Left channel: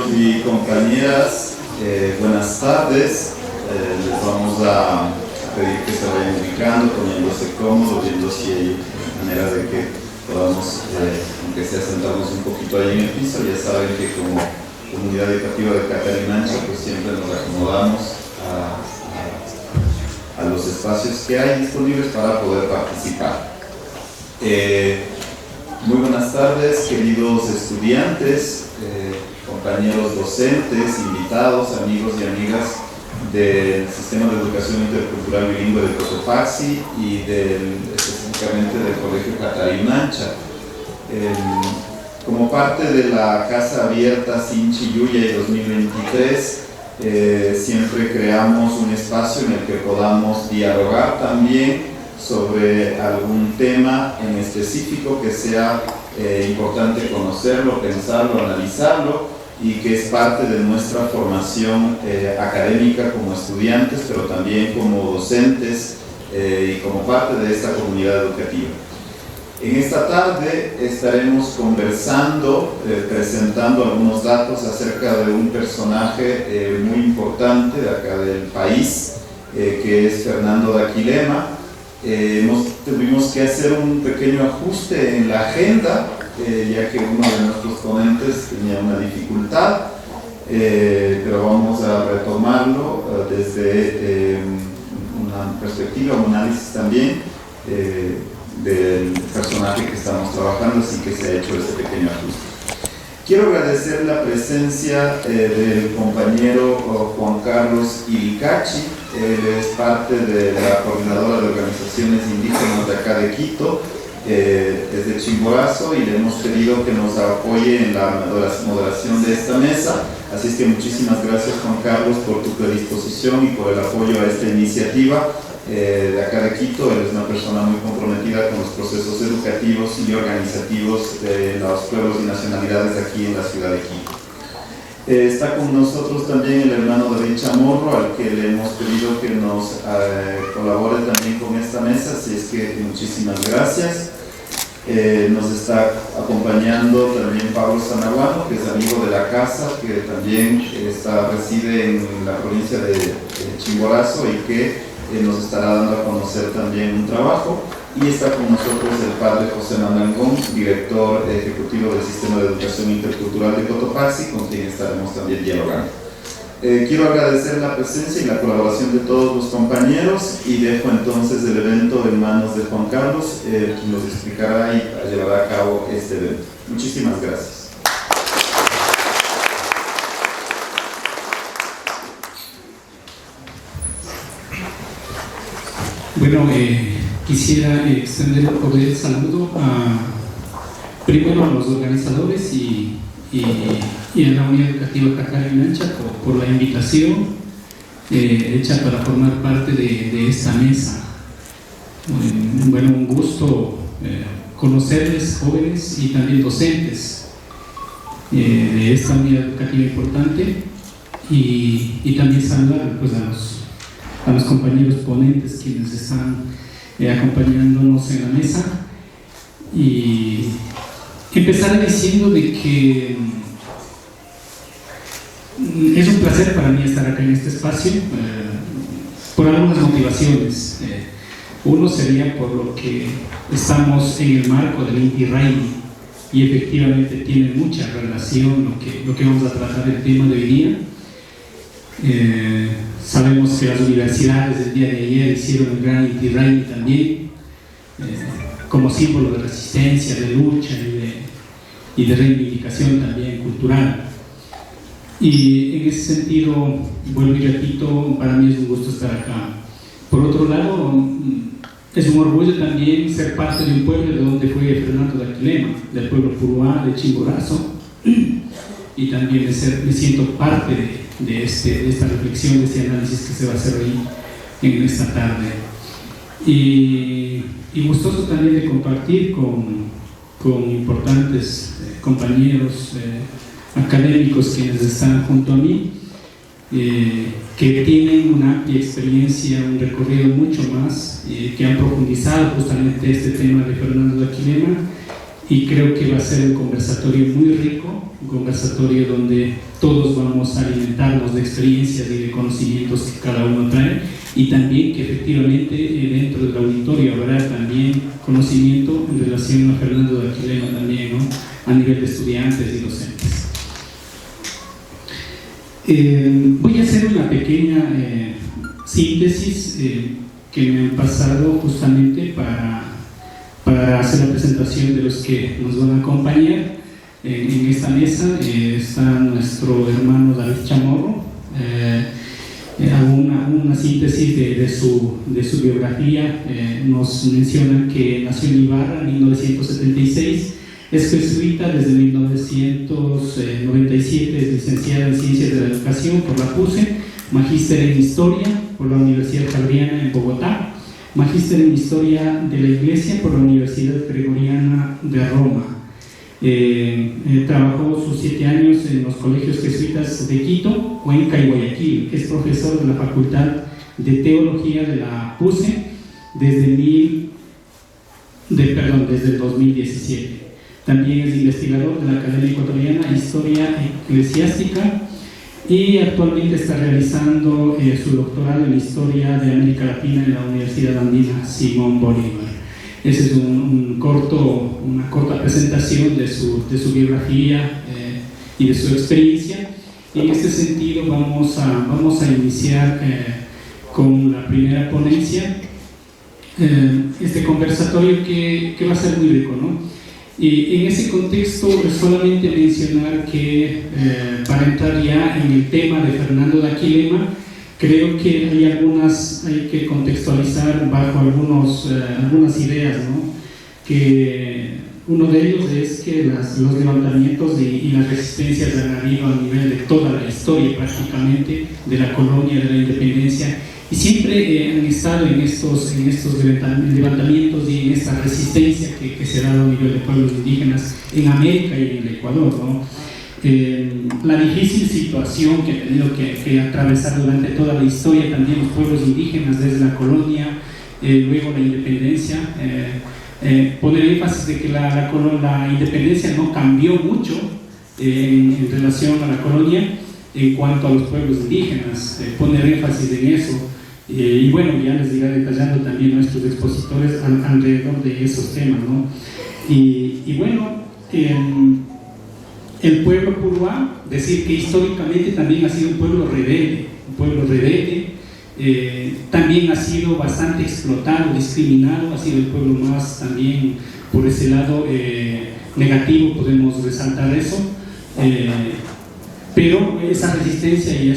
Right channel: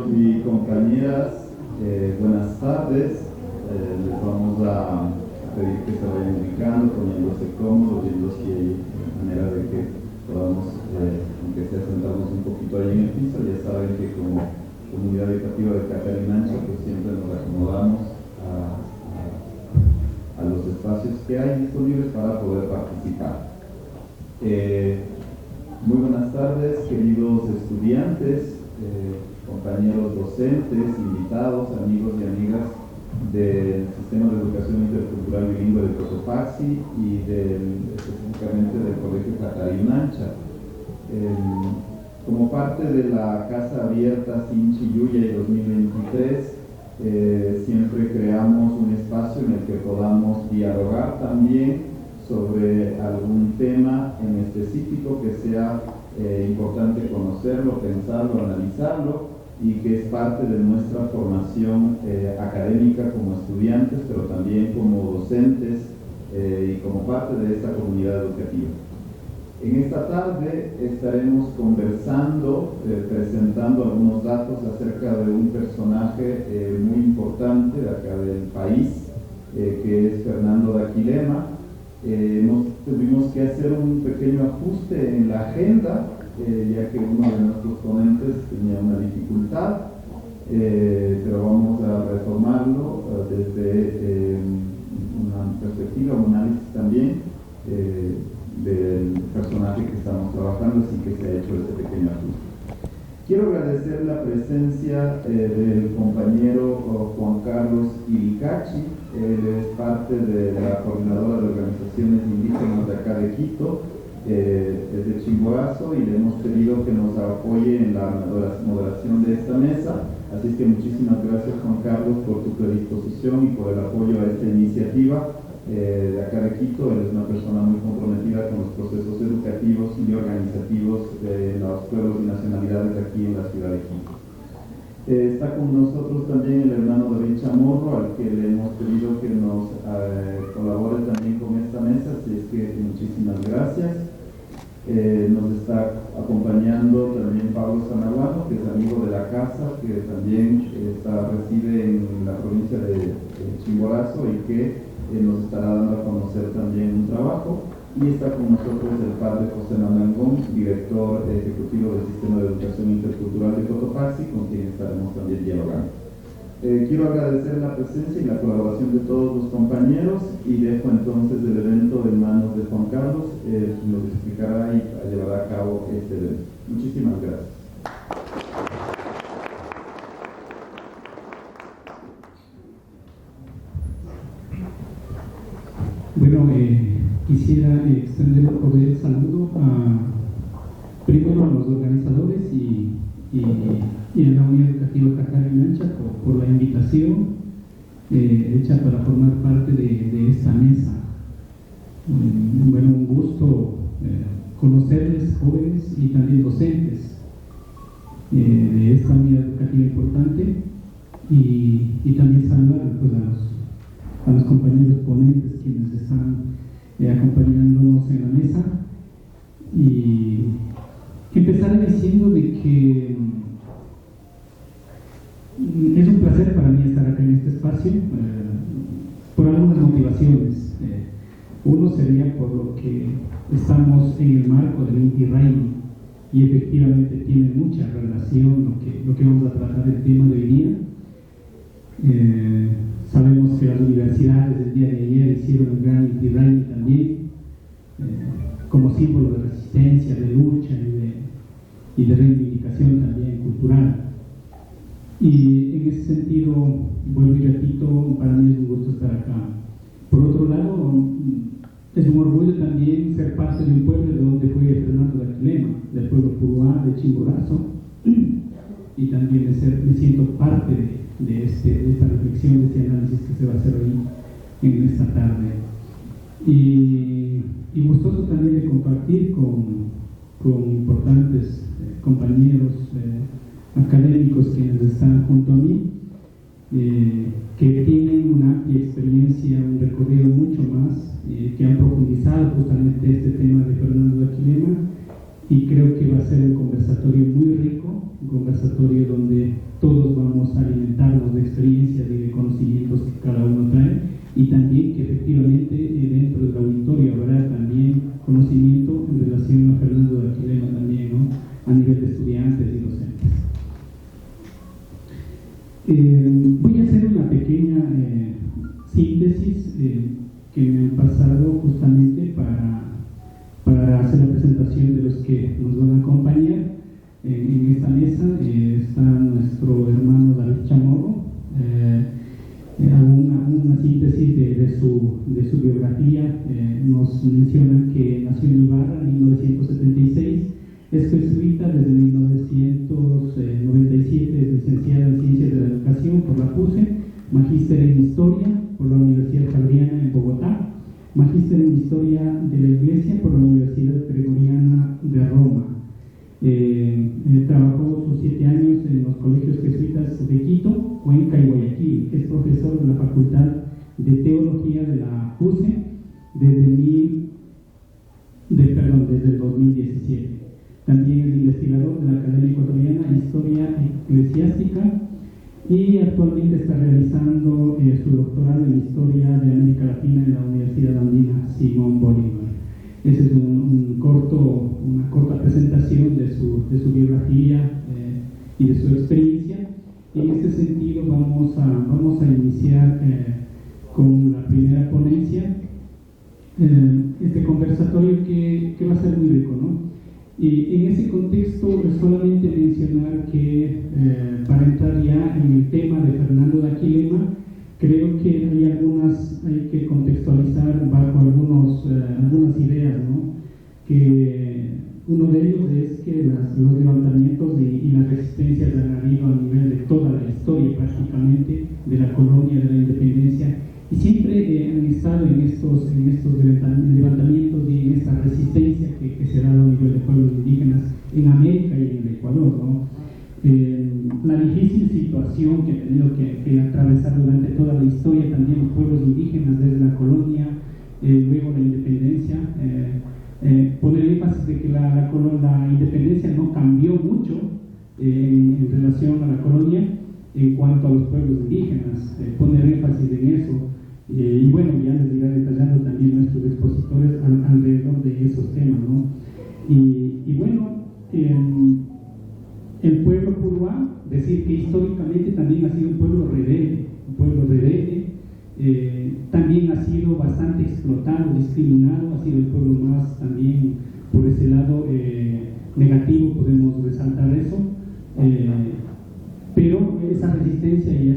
compañeros y compañeras, buenas tardes. Les vamos a pedir que se vayan ubicando, poniéndose cómodos, viendo si hay manera de que podamos, aunque sea sentarnos un poquito ahí en el piso. Ya saben que como comunidad educativa de Catarinancha, pues siempre nos acomodamos a los espacios que hay disponibles para poder participar. Muy buenas tardes, queridos estudiantes, compañeros docentes, invitados, amigos y amigas del Sistema de Educación Intercultural Bilingüe de Cotopaxi y específicamente del Colegio Catarinancha. Como parte de la Casa Abierta Sinchi Yuyay 2023, siempre creamos un espacio en el que podamos dialogar también sobre algún tema en específico que sea importante conocerlo, pensarlo, analizarlo, y que es parte de nuestra formación académica como estudiantes, pero también como docentes y como parte de esta comunidad educativa. En esta tarde estaremos conversando, presentando algunos datos acerca de un personaje muy importante de acá del país, que es Fernando Daquilema. Tuvimos que hacer un pequeño ajuste en la agenda, ya que uno de nuestros ponentes tenía una dificultad, pero vamos a retomarlo desde una perspectiva, un análisis también del personaje que estamos trabajando, así que se ha hecho este pequeño ajuste. Quiero agradecer la presencia del compañero Juan Carlos Ilicachi. Él es parte de la Coordinadora de Organizaciones Indígenas de acá de Quito, es de Chimborazo, y le hemos pedido que nos apoye en la moderación de esta mesa. Así es que muchísimas gracias, Juan Carlos, por tu predisposición y por el apoyo a esta iniciativa de acá de Quito. Él es una persona muy comprometida con los procesos educativos y organizativos de los pueblos y nacionalidades aquí en la ciudad de Quito. Está con nosotros también el hermano David Chamorro, al que le hemos pedido que nos colabore también con esta mesa, así es que muchísimas gracias. Nos está acompañando también Pablo Sanaguano, que es amigo de la casa, que también reside en la provincia de Chimborazo y que nos estará dando a conocer también un trabajo. Y está con nosotros el padre José Mandangón, director ejecutivo del Sistema de Educación Intercultural de Cotopaxi, con quien estaremos también dialogando. Quiero agradecer la presencia y la colaboración de todos los compañeros y dejo entonces el evento en manos de Juan Carlos, quien nos explicará y llevará a cabo este evento. Muchísimas gracias. Bueno, quisiera extender un cordial saludo primero a los organizadores y a la Unidad Educativa Catarinancha por la invitación hecha para formar parte de esta mesa. Bueno, un gusto conocerles, jóvenes y también docentes de esta unidad educativa importante, y también saludar pues, a los compañeros ponentes quienes están acompañándonos en la mesa, y empezar diciendo de que es un placer para mí estar acá en este espacio por algunas motivaciones. Uno sería por lo que estamos en el marco del Inti Raymi, y efectivamente tiene mucha relación lo que vamos a tratar el tema de hoy día. Sabemos que las universidades del día de ayer hicieron el gran Inti Raymi también, como símbolo de resistencia, de lucha y de reivindicación también cultural. Y en ese sentido, vuelvo y repito, para mí es un gusto estar acá. Por otro lado, es un orgullo también ser parte de un pueblo de donde fue Fernando Daquilema, del pueblo Puruá, de Chimborazo, y también me siento parte de esta reflexión, de este análisis que se va a hacer hoy en esta tarde. Y gustoso también de compartir con importantes compañeros académicos quienes están junto a mí, que tienen una amplia experiencia, un recorrido mucho más, que han profundizado justamente este tema de Fernando Daquilema, y creo que va a ser un conversatorio muy rico, un conversatorio donde todos vamos a alimentarnos de experiencias y de conocimientos que cada uno trae, y también que efectivamente dentro del auditorio habrá también conocimiento en relación a Fernando de Aquilema también, ¿no? A nivel de estudiantes y docentes. Voy a hacer una pequeña síntesis que me han pasado justamente para hacer la presentación de los que nos van a acompañar en esta mesa. Está nuestro hermano David Chamorro. Una síntesis de su biografía. Nos menciona que nació en Ibarra en 1976, es jesuita desde 1997, es licenciada en Ciencias de la Educación por la PUCE, magíster en Historia por la Universidad Javeriana en Bogotá, magíster en Historia de la Iglesia por la Universidad Gregoriana de Roma. Trabajó sus 7 años en los colegios jesuitas de Quito, Cuenca y Guayaquil. Es profesor de la Facultad de Teología de la PUCE desde el 2017. También es investigador de la Academia Ecuatoriana de Historia Eclesiástica y actualmente está realizando su doctorado en Historia de América Latina en la Universidad Andina Simón Bolívar. Esa es una corta presentación de su biografía y de su experiencia. En este sentido vamos a iniciar con la primera ponencia, este conversatorio que va a ser muy rico, ¿no? Y en ese contexto solamente mencionar que para entrar ya en el tema de Fernando de Aquilema, creo que hay que contextualizar bajo algunas ideas, ¿no? Que uno de ellos es que los levantamientos y las resistencias han habido a nivel de toda la historia prácticamente de la colonia, de la independencia, y siempre han estado en estos levantamientos y en esta resistencia que se ha dado a nivel de pueblos indígenas en América y en el Ecuador, ¿no? La difícil situación que han tenido que atravesar durante toda la historia también los pueblos indígenas desde la colonia, luego la independencia. Poner énfasis de que la independencia no cambió mucho en relación a la colonia en cuanto a los pueblos indígenas, poner énfasis en eso. Y bueno, ya les iré detallando también nuestros expositores alrededor de esos temas, ¿no? Y bueno, el pueblo puruá, decir que históricamente también ha sido un pueblo rebelde, también ha sido bastante explotado, discriminado, ha sido el pueblo más también por ese lado negativo, podemos resaltar eso, pero esa resistencia y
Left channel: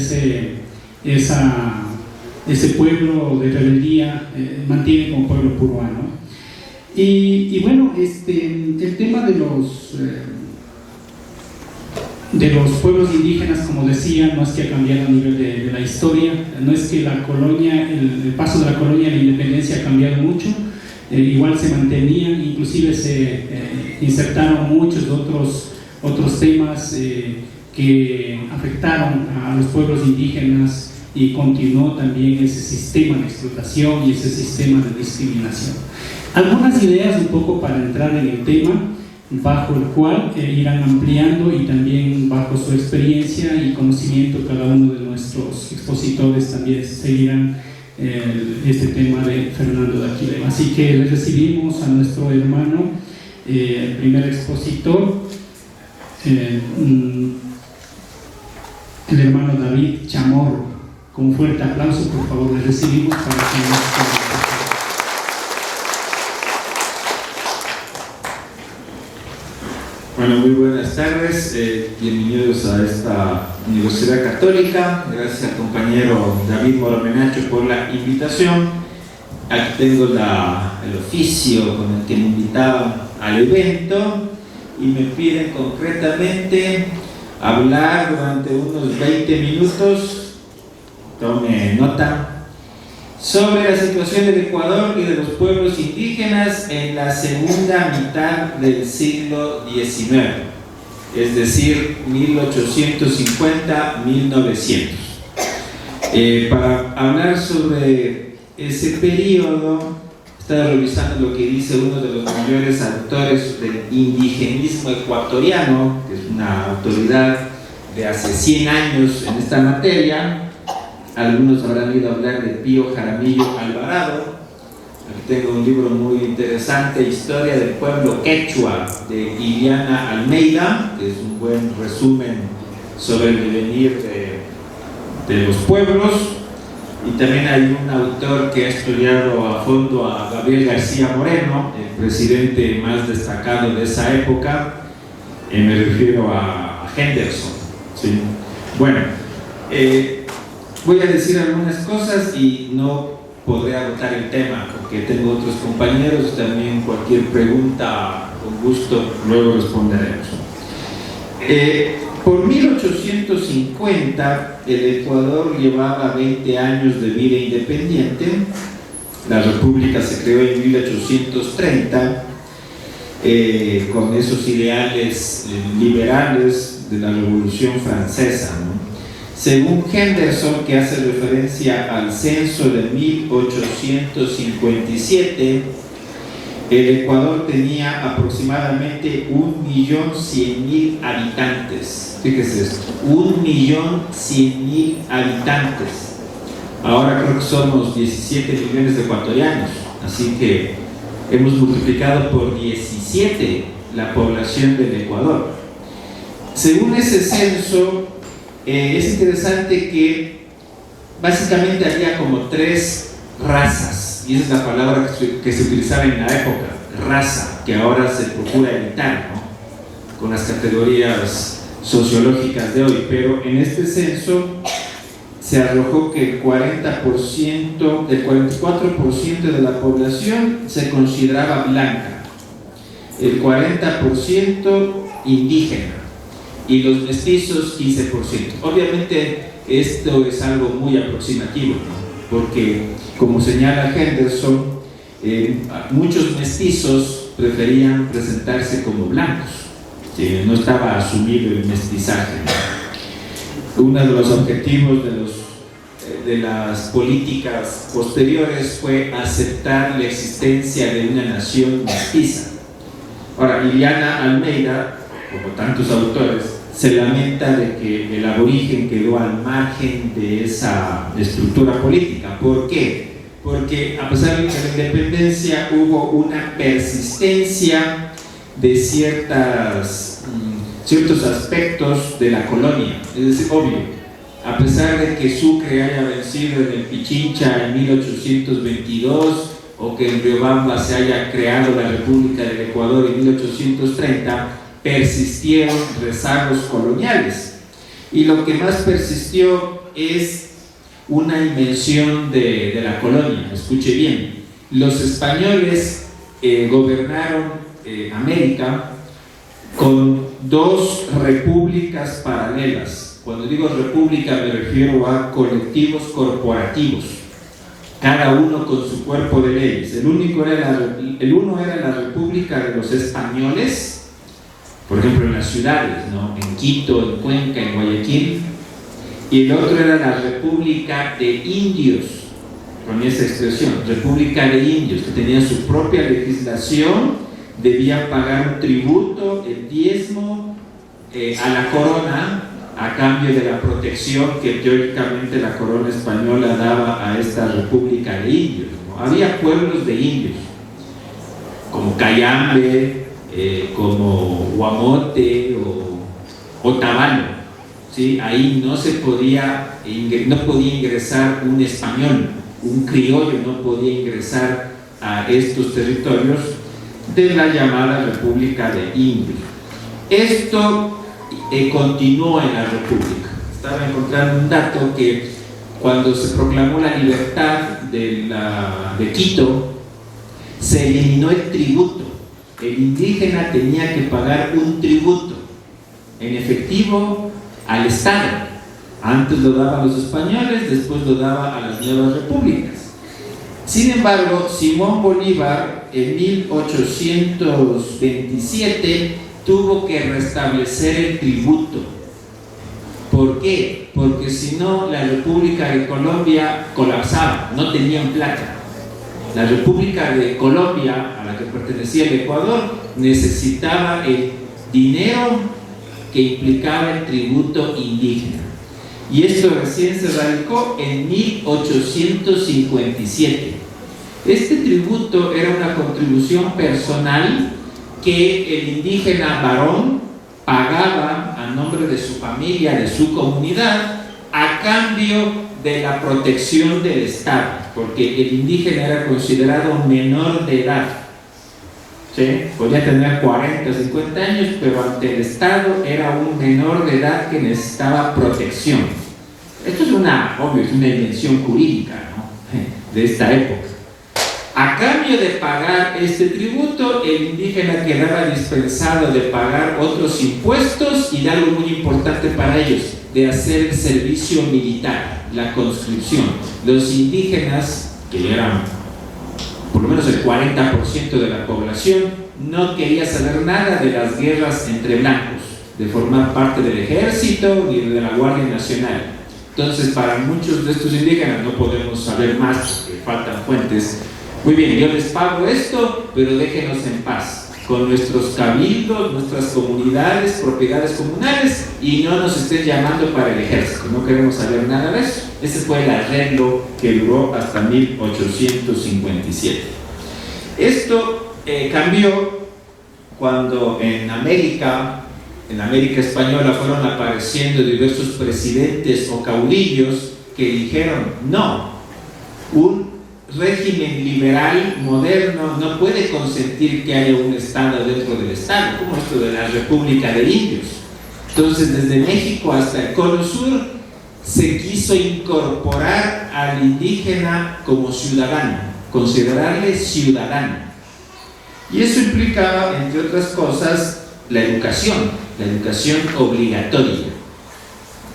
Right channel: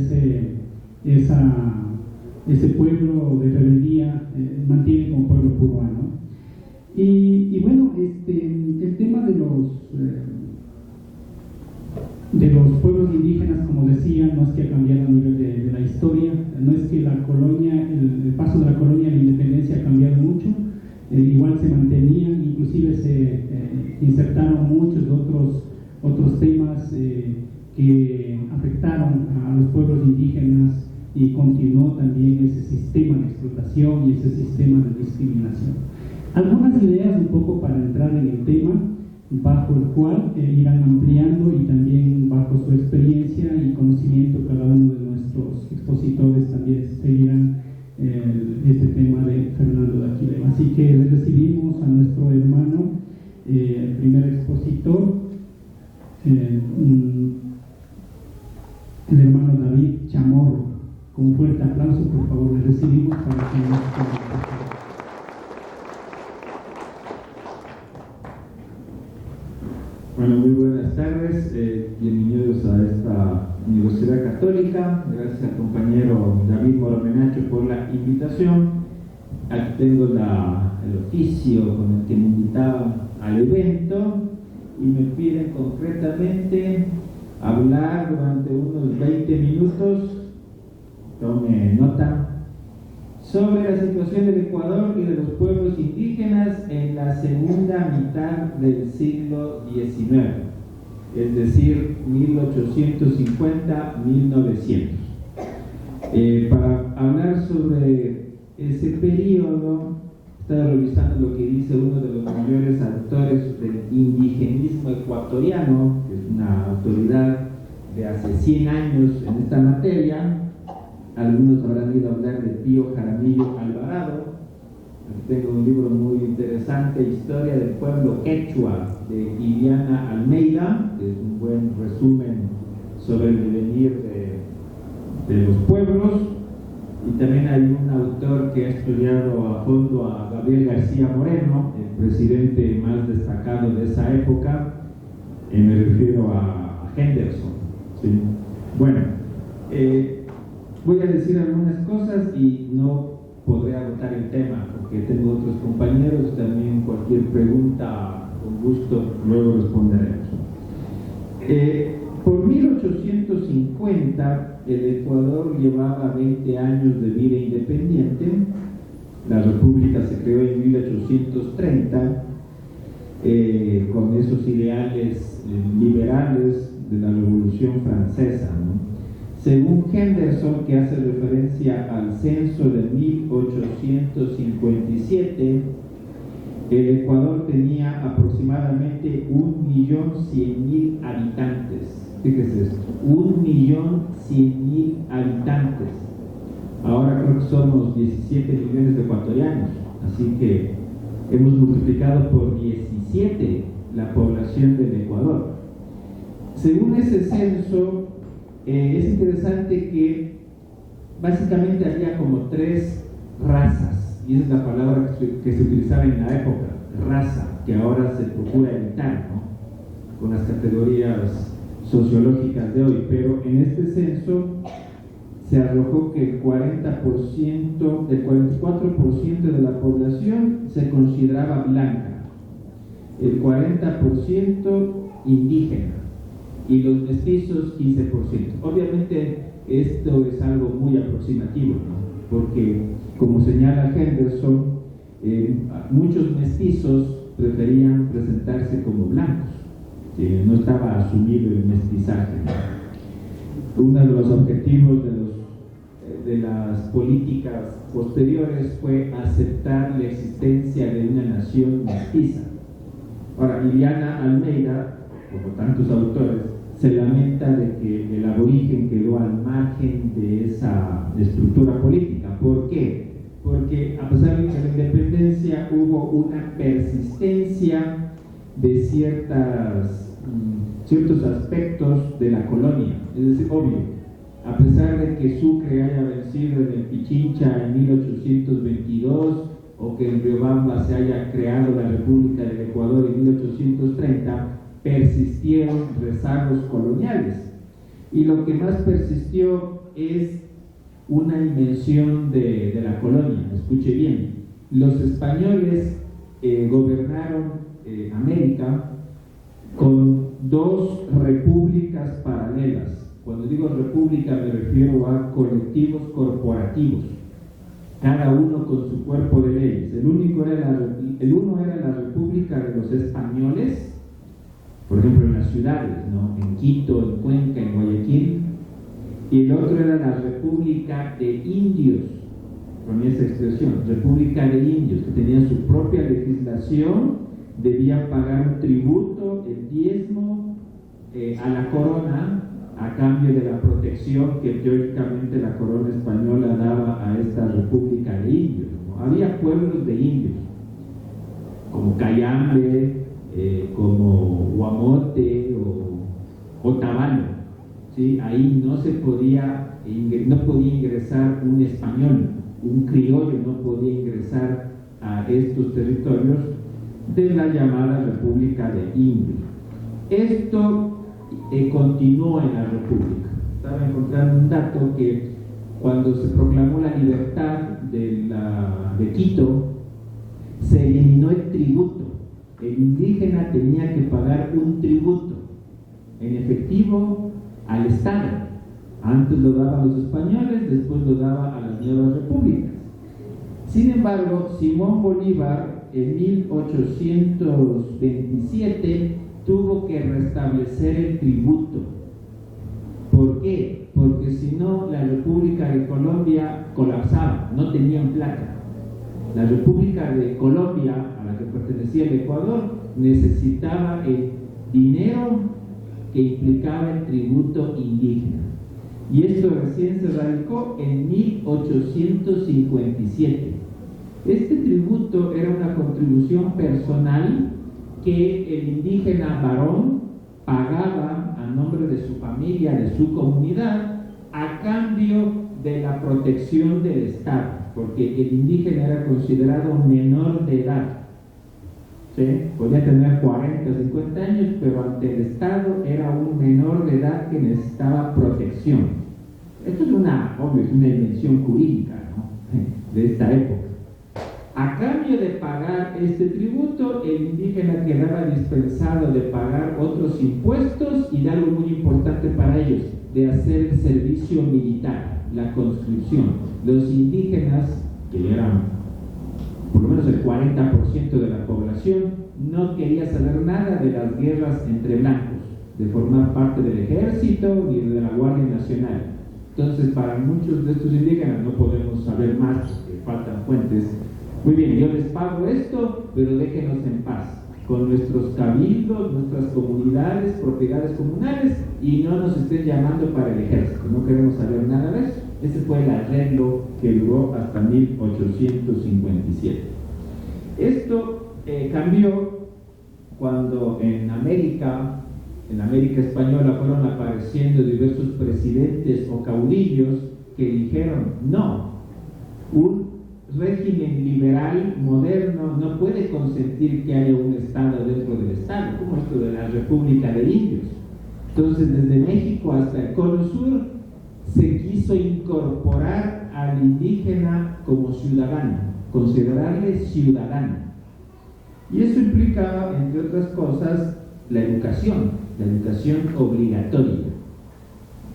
ese pueblo de rebeldía mantiene como pueblo puruá, ¿no? Y bueno, el tema de los pueblos indígenas, como decía, no es que ha cambiado a nivel de la historia, no es que la colonia, el paso de la colonia a la independencia ha cambiado mucho, igual se mantenían, inclusive se insertaron muchos otros temas que afectaron a los pueblos indígenas, y continuó también ese sistema de explotación y ese sistema de discriminación. Algunas ideas un poco para entrar en el tema, bajo el cual irán ampliando, y también bajo su experiencia y conocimiento cada uno de nuestros expositores también seguirán este tema de Fernando de Aquilema. Así que les recibimos a nuestro hermano, el primer expositor, el hermano David Chamorro. Con un fuerte aplauso, por favor, les recibimos para que nos... Bueno, muy buenas tardes, bienvenidos a esta Universidad Católica. Gracias al compañero David Moromenacho por la invitación. Aquí tengo el oficio con el que me invitaban al evento y me piden concretamente hablar durante unos 20 minutos, tome nota, sobre la situación del Ecuador y de los pueblos indígenas en la segunda mitad del siglo XIX, es decir, 1850-1900. Para hablar sobre ese periodo Estaba revisando lo que dice uno de los mayores autores del indigenismo ecuatoriano, que es una autoridad de hace 100 años en esta materia. Algunos habrán oído hablar de Pío Jaramillo Alvarado. Aquí tengo un libro muy interesante, Historia del pueblo quechua, de Iliana Almeida, que es un buen resumen sobre el devenir de los pueblos. Y también hay un autor que ha estudiado a fondo a Gabriel García Moreno, el presidente más destacado de esa época. Me refiero a Henderson, ¿sí? Bueno, voy a decir algunas cosas y no podré agotar el tema porque tengo otros compañeros. También cualquier pregunta, con gusto, luego responderemos. Por 1850, el Ecuador llevaba 20 años de vida independiente. La República se creó en 1830 con esos ideales liberales de la Revolución Francesa, ¿no? Según Henderson, que hace referencia al censo de 1857, el Ecuador tenía aproximadamente 1.100.000 habitantes. Fíjese esto, 1.100.000 habitantes. Ahora creo que somos 17 millones de ecuatorianos, así que hemos multiplicado por 17 la población del Ecuador. Según ese censo, es interesante que básicamente había como 3 razas, y esa es la palabra que se utilizaba en la época, raza, que ahora se procura evitar, ¿no?, con las categorías sociológicas de hoy. Pero en este censo se arrojó que el 44% de la población se consideraba blanca, el 40% indígena y los mestizos 15%. Obviamente esto es algo muy aproximativo, ¿no?, porque como señala Henderson, muchos mestizos preferían presentarse como blancos, ¿sí? No estaba asumido el mestizaje, ¿no? Uno de los objetivos de las políticas posteriores fue aceptar la existencia de una nación mestiza. Ahora, Iliana Almeida, como tantos autores, se lamenta de que el aborigen quedó al margen de esa estructura política. ¿Por qué? Porque a pesar de la independencia hubo una persistencia de ciertos aspectos de la colonia. Es decir, obvio, a pesar de que Sucre haya vencido en el Pichincha en 1822 o que en Riobamba se haya creado la República del Ecuador en 1830, persistieron rezagos coloniales, y lo que más persistió es una invención de la colonia. Escuche bien, los españoles gobernaron América con 2 repúblicas paralelas. Cuando digo república me refiero a colectivos corporativos, cada uno con su cuerpo de leyes. El uno era la República de los Españoles, por ejemplo en las ciudades, ¿no?, en Quito, en Cuenca, en Guayaquil, y el otro era la República de Indios, con esa expresión, República de Indios, que tenía su propia legislación, debían pagar un tributo, el diezmo, a la corona, a cambio de la protección que teóricamente la corona española daba a esta República de Indios, ¿no? Había pueblos de indios, como Cayambe, como Guamote o Otavalo, ¿sí? Ahí no podía ingresar un español, un criollo no podía ingresar a estos territorios de la llamada República de Indios. Esto continuó en la República. Estaba encontrando un dato que cuando se proclamó la libertad de Quito, se eliminó el tributo. El indígena tenía que pagar un tributo en efectivo al Estado. Antes lo daban los españoles, después lo daba a las nuevas repúblicas. Sin embargo, Simón Bolívar en 1827 tuvo que restablecer el tributo. ¿Por qué? Porque si no, la República de Colombia colapsaba, no tenían plata. la República de Colombia, a la que pertenecía el Ecuador, necesitaba el dinero que implicaba el tributo indígena. Y esto recién se radicó en 1857. Este tributo era una contribución personal que el indígena varón pagaba a nombre de su familia, de su comunidad, a cambio de la protección del Estado, porque el indígena era considerado menor de edad. ¿Sí? Podía tener 40 o 50 años, pero ante el Estado era un menor de edad que necesitaba protección. Esto es una invención jurídica, ¿no?, de esta época. A cambio de pagar este tributo, el indígena quedaba dispensado de pagar otros impuestos y de algo muy importante para ellos, de hacer el servicio militar, la conscripción. Los indígenas, que eran por lo menos el 40% de la población, no quería saber nada de las guerras entre blancos, de formar parte del ejército ni de la Guardia Nacional. Entonces, para muchos de estos indígenas, no podemos saber más porque faltan fuentes. Muy bien, yo les pago esto, pero déjenos en paz con nuestros cabildos, nuestras comunidades, propiedades comunales, y no nos estén llamando para el ejército, no queremos saber nada de eso. Ese fue el arreglo que duró hasta 1857. Esto cambió cuando en América Española, fueron apareciendo diversos presidentes o caudillos que dijeron: no, un régimen liberal moderno no puede consentir que haya un Estado dentro del Estado, como esto de la República de Indios. Entonces, desde México hasta el Cono Sur se quiso incorporar al indígena como ciudadano, considerarle ciudadano. Y eso implicaba, entre otras cosas, la educación obligatoria,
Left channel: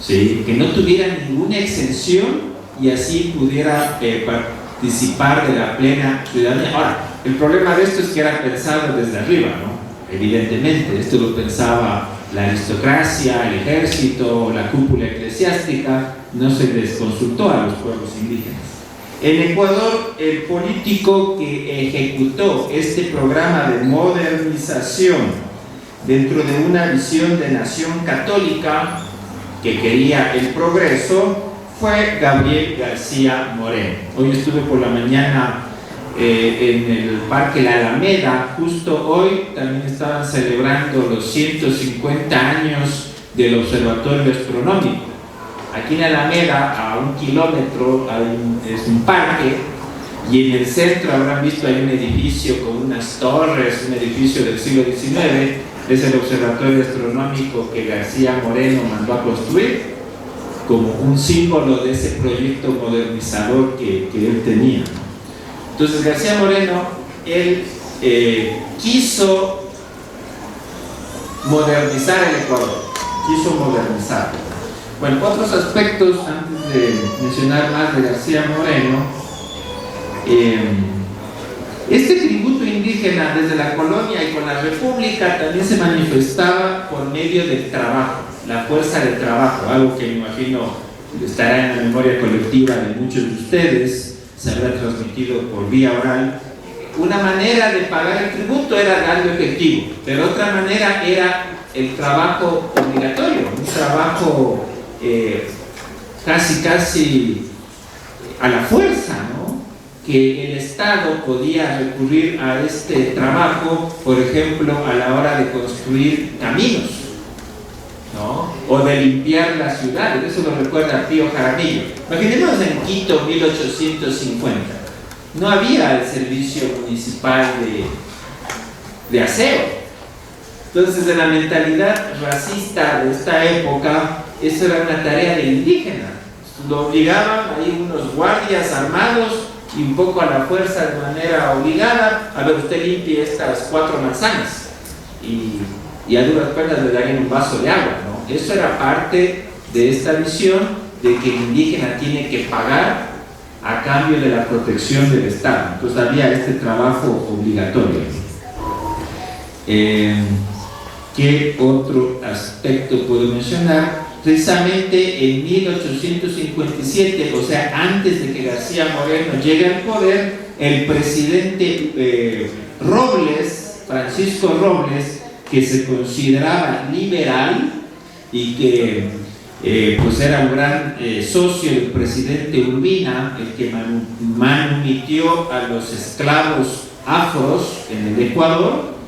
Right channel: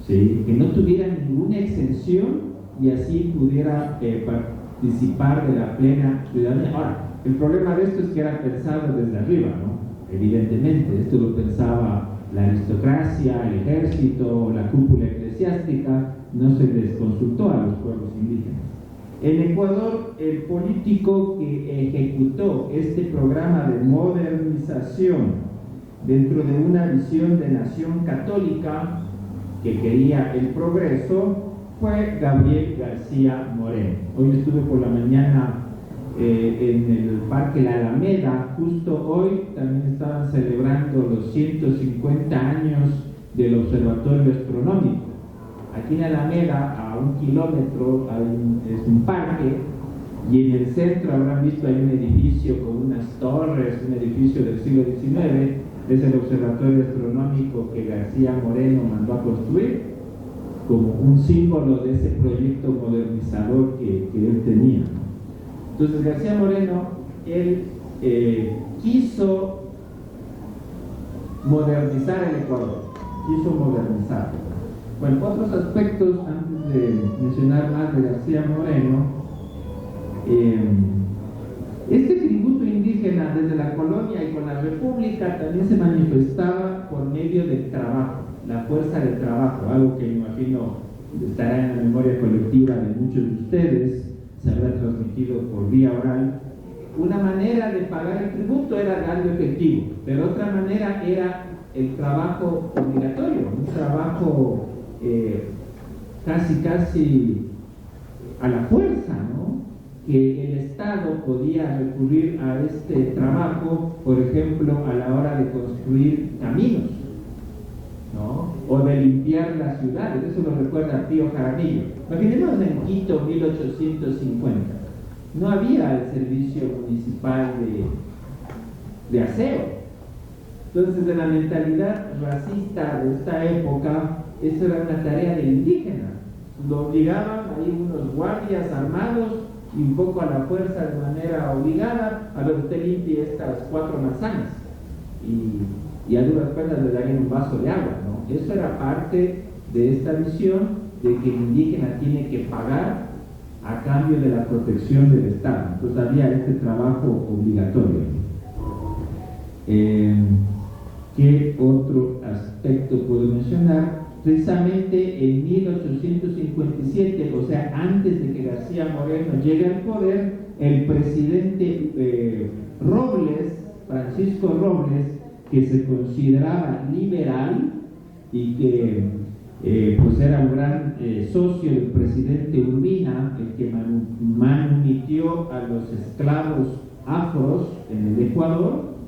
¿sí?, que no tuviera ninguna exención y así pudiera participar de la plena ciudadanía. Ahora, el problema de esto es que era pensado desde arriba, ¿no? Evidentemente, esto lo pensaba la aristocracia, el ejército, la cúpula eclesiástica, no se les consultó a los pueblos indígenas. En Ecuador, el político que ejecutó este programa de modernización dentro de una visión de nación católica que quería el progreso fue Gabriel García Moreno. Hoy estuve por la mañana en el Parque La Alameda. Justo hoy también estaban celebrando los 150 años del Observatorio Astronómico. Aquí en La Alameda, a 1 kilómetro, es un parque, y en el centro habrán visto hay un edificio con unas torres, un edificio del siglo XIX. Es el Observatorio Astronómico que García Moreno mandó a construir como un símbolo de ese proyecto modernizador que él tenía. Entonces, García Moreno, él quiso modernizar el Ecuador, quiso modernizarlo. Bueno, otros aspectos, antes de mencionar más de García Moreno, este tributo indígena desde la colonia y con la república también se manifestaba por medio del trabajo, la fuerza del trabajo, algo que me imagino estará en la memoria colectiva de muchos de ustedes, se habrá transmitido por vía oral. Una manera de pagar el tributo era darlo efectivo, pero otra manera era el trabajo obligatorio, un trabajo casi a la fuerza, ¿no?, que el Estado podía recurrir a este trabajo, por ejemplo, a la hora de construir caminos, ¿no?, o de limpiar las ciudades. Eso lo recuerda Pío Jaramillo. Imaginemos en Quito, 1850. No había el servicio municipal de aseo. Entonces, en la mentalidad racista de esta época, eso era una tarea del indígena. Lo obligaban ahí unos guardias armados y un poco a la fuerza, de manera obligada: a ver, usted limpie estas 4 manzanas, y a duras penas le darían un vaso de agua, ¿no? Eso era parte de esta visión de que el indígena tiene que pagar a cambio de la protección del Estado. Entonces había este trabajo obligatorio. ¿Qué otro aspecto puedo mencionar? precisamente en 1857, o sea, antes de que García Moreno llegue al poder, el presidente Robles, Francisco Robles, que se consideraba liberal y que pues era un gran socio del presidente Urbina, el que manumitió a los esclavos afros en el Ecuador,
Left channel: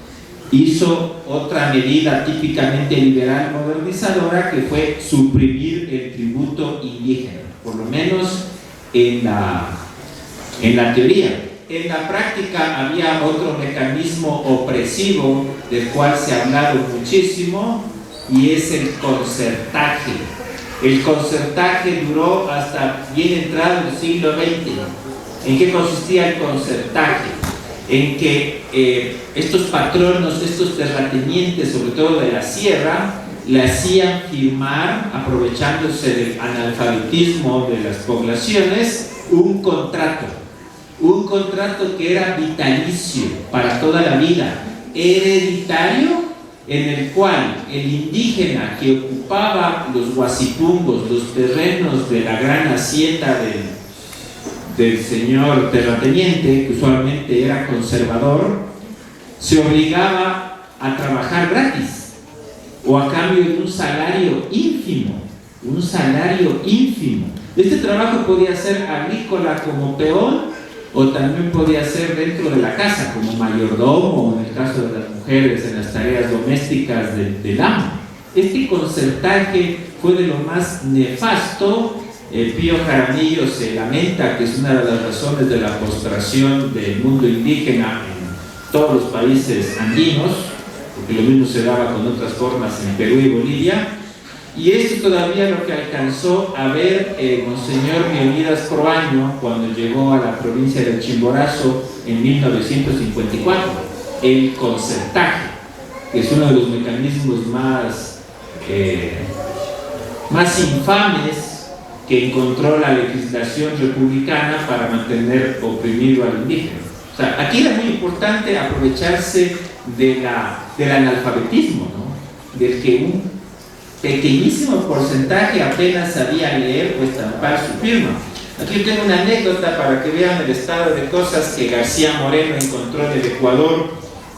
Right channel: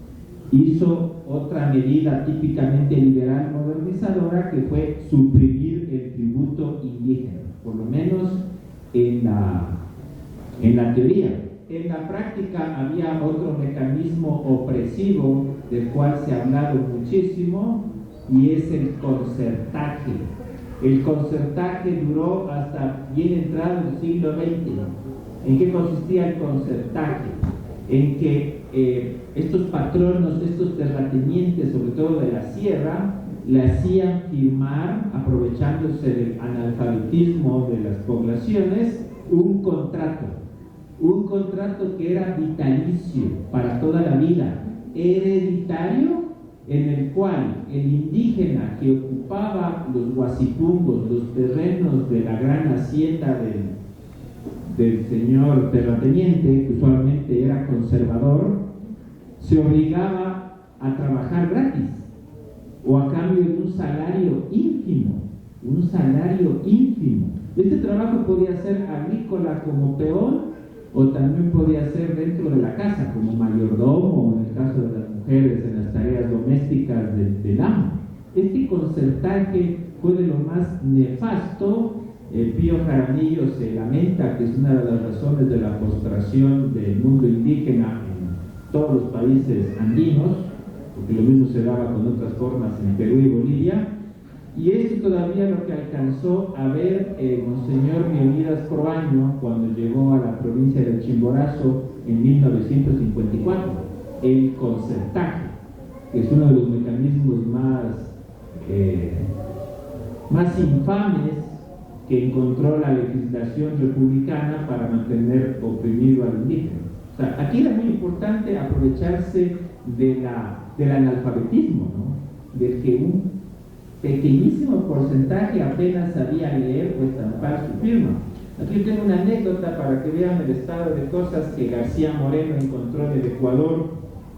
hizo otra medida típicamente liberal modernizadora, que fue suprimir el tributo indígena, por lo menos en la teoría. En la práctica había otro mecanismo opresivo del cual se ha hablado muchísimo, y es el concertaje. El concertaje duró hasta bien entrado el siglo XX. ¿En qué consistía el concertaje? En que estos patronos, estos terratenientes, sobre todo de la sierra, le hacían firmar, aprovechándose del analfabetismo de las poblaciones, un contrato que era vitalicio para toda la vida, hereditario, en el cual el indígena que ocupaba los guasipungos, los terrenos de la gran hacienda del señor terrateniente, que usualmente era conservador, se obligaba a trabajar gratis o a cambio de un salario ínfimo. Este trabajo podía ser agrícola como peón, o también podía ser dentro de la casa como mayordomo, o en el caso de las mujeres en las tareas domésticas del amo. Este concertaje fue de lo más nefasto. Pío Jaramillo se lamenta que es una de las razones de la postración del mundo indígena en todos los países andinos, porque lo mismo se daba con otras formas en Perú y Bolivia. Y esto es todavía lo que alcanzó a ver Monseñor Leonidas Proaño cuando llegó a la provincia del Chimborazo en 1954, el concertaje, que es uno de los mecanismos más infames que encontró la legislación republicana para mantener oprimido al indígena. O sea, aquí era muy importante aprovecharse del analfabetismo, ¿no? Del que un pequeñísimo porcentaje apenas sabía leer o estampar su firma. Aquí tengo una anécdota para que vean el estado de cosas que García Moreno encontró en el Ecuador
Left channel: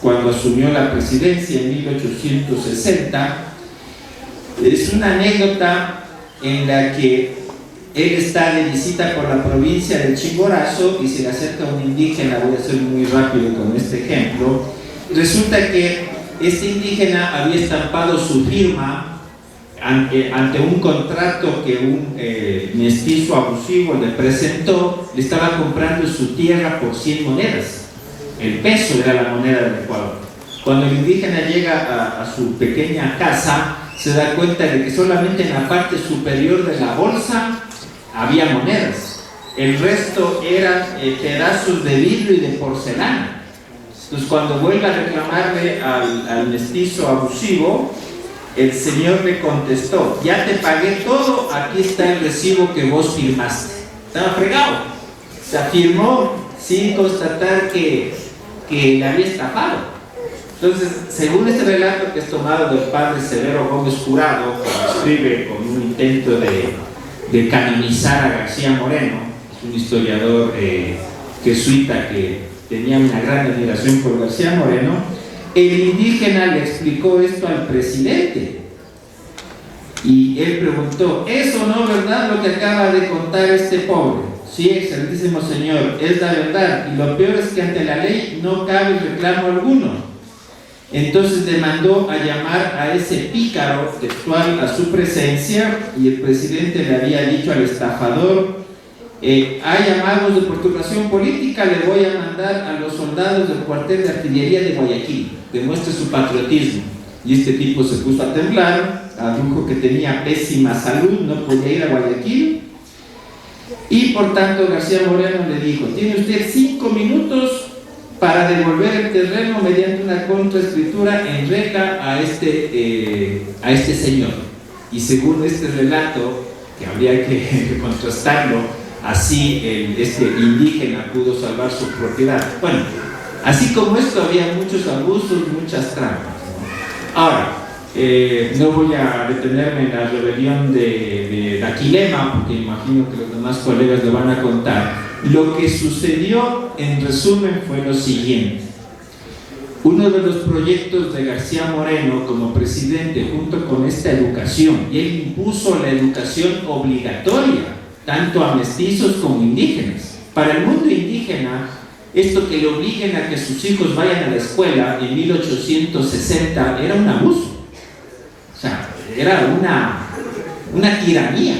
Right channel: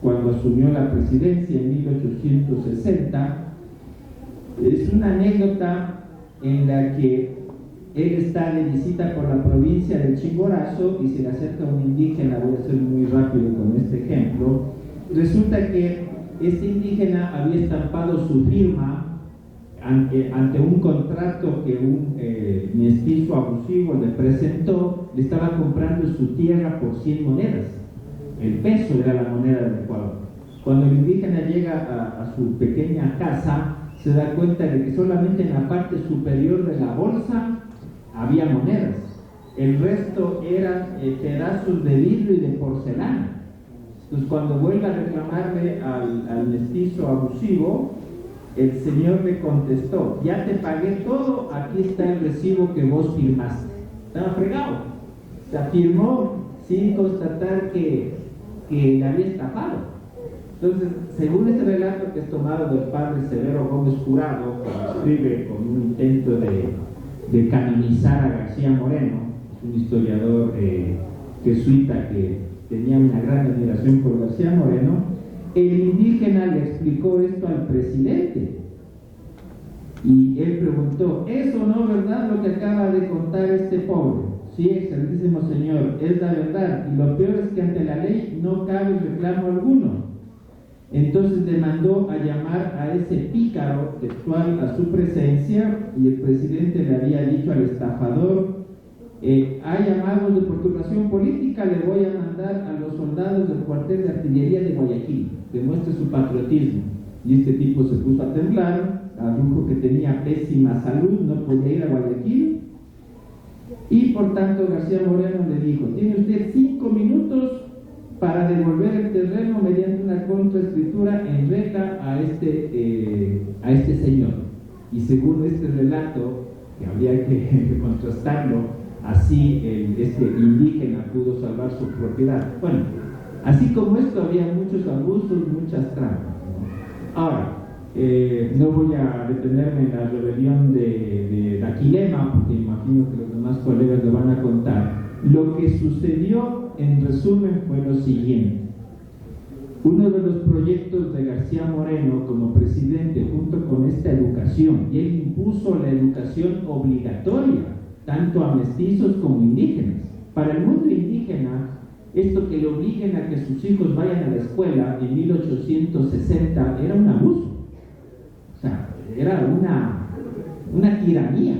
cuando asumió la presidencia en 1860. Es una anécdota en la que él está de visita por la provincia del Chimborazo y se le acerca un indígena. Voy a ser muy rápido con este ejemplo. Resulta que este indígena había estampado su firma ante un contrato que un mestizo abusivo le presentó. Le estaba comprando su tierra por 100 monedas. El peso era la moneda del Ecuador. Cuando el indígena llega a su pequeña casa, se da cuenta de que solamente en la parte superior de la bolsa había monedas. El resto eran pedazos de vidrio y de porcelana. Entonces, cuando vuelve a reclamarle al mestizo abusivo, el señor le contestó: ya te pagué todo, aquí está el recibo que vos firmaste. Estaba fregado. Se firmó sin constatar que le había estafado. Entonces, según este relato que es tomado del padre Severo Gómez Jurado, que escribe con un intento de canonizar a García Moreno, es un historiador jesuita que tenía una gran admiración por García Moreno, el indígena le explicó esto al presidente y él preguntó: ¿es o no verdad lo que acaba de contar este pobre? Sí, excelentísimo señor, es la verdad, y lo peor es que ante la ley no cabe reclamo alguno. Entonces le mandó a llamar a ese pícaro textual a su presencia, y el presidente le había dicho al estafador: hay llamados de perturbación política, le voy a mandar a los soldados del cuartel de artillería de Guayaquil, demuestre su patriotismo. Y este tipo se puso a temblar, adujo que tenía pésima salud, no podía ir a Guayaquil, y por tanto García Moreno le dijo: tiene usted 5 minutos para devolver el terreno mediante una contraescritura en regla a este señor. Y según este relato, que habría que contrastarlo, así este indígena pudo salvar su propiedad. Bueno, así como esto había muchos abusos, muchas trampas. Ahora, No voy a detenerme en la rebelión de Aquilema, porque imagino que los demás colegas lo van a contar. Lo que sucedió, en resumen, fue lo siguiente. Uno de los proyectos de García Moreno como presidente, junto con esta educación, y él impuso la educación obligatoria, tanto a mestizos como indígenas. Para el mundo indígena, esto que le obliguen a que sus hijos vayan a la escuela en 1860 era un abuso. O sea, era una tiranía.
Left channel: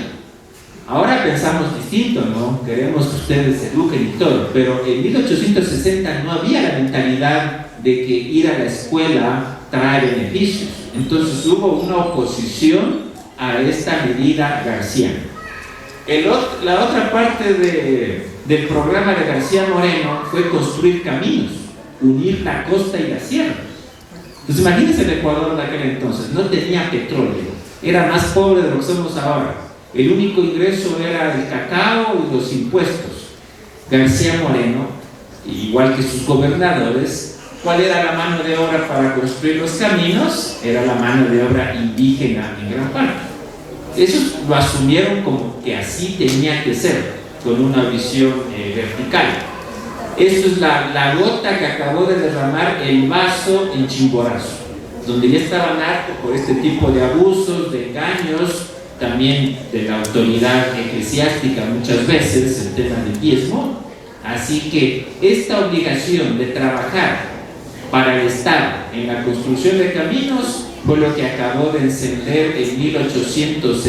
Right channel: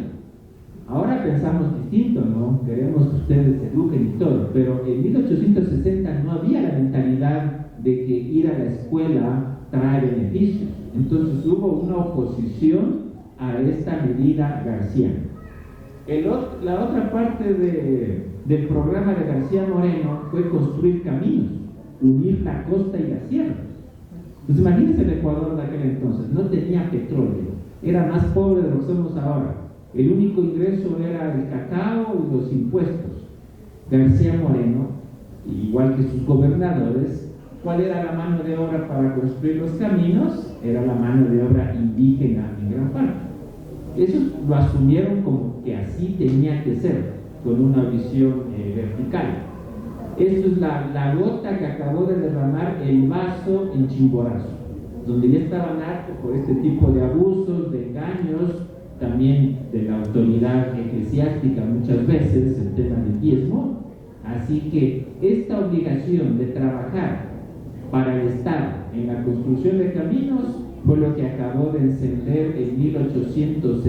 Ahora pensamos distinto, ¿no? Queremos que ustedes se eduquen y todo, pero en 1860 no había la mentalidad de que ir a la escuela trae beneficios. Entonces hubo una oposición a esta medida garciana. La otra parte del programa de García Moreno fue construir caminos, unir la costa y la sierra. Entonces imagínense el Ecuador de aquel entonces, no tenía petróleo, era más pobre de lo que somos ahora. El único ingreso era el cacao y los impuestos. García Moreno, igual que sus gobernadores, ¿cuál era la mano de obra para construir los caminos? Era la mano de obra indígena en gran parte. Ellos lo asumieron como que así tenía que ser, con una visión vertical. Esto es la gota que acabó de derramar el vaso en Chimborazo, donde ya estaban hartos por este tipo de abusos, de engaños, también de la autoridad eclesiástica muchas veces, el tema del diezmo. Así que esta obligación de trabajar para el Estado en la construcción de caminos fue lo que acabó de encender en 1860